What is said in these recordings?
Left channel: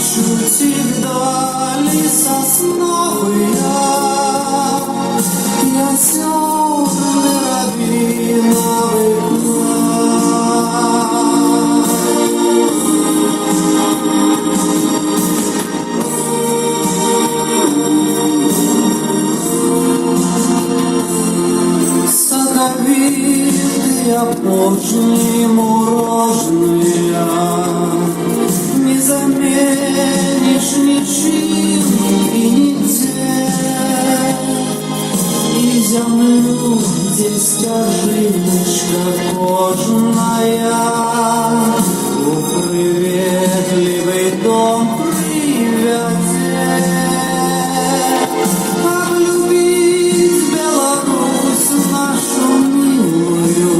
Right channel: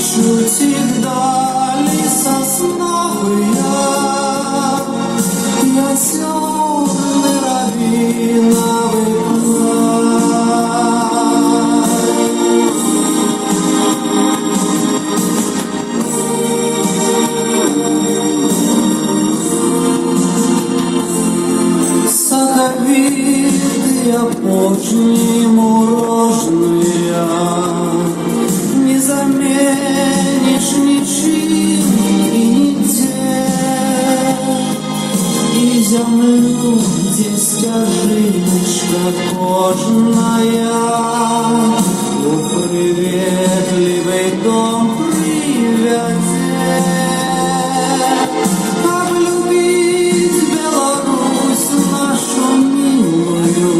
Шутит вдали сосновый я темный рабина садовитые прочные мороженые не заменишь ничем и нигде. И землю здесь скажи, что кожаная, в приветливый дом приведет. Полюбить Беларусь нашу милую,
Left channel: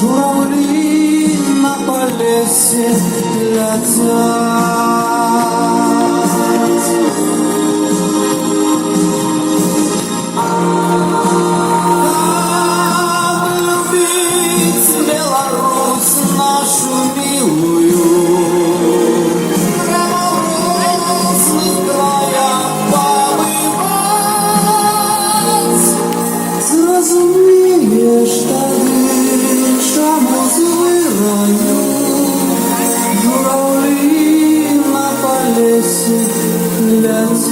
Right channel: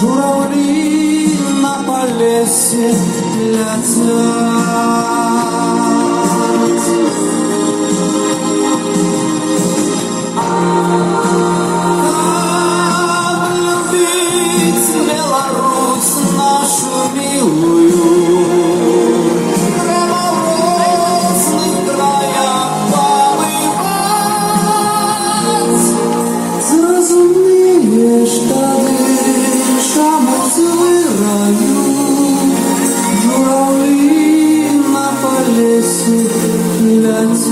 журавли на полесе летят. Любить Беларусь нашу милую, зрозумієш тоді, чому згораю, журавлі на полесі летять.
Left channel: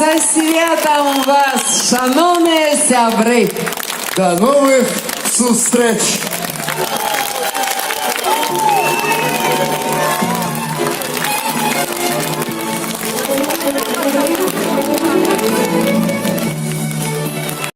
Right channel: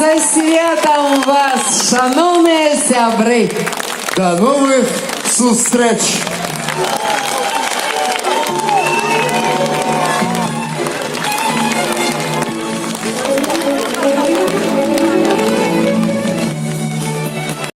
Со святом вас, шановні сябри! До нових зустріч!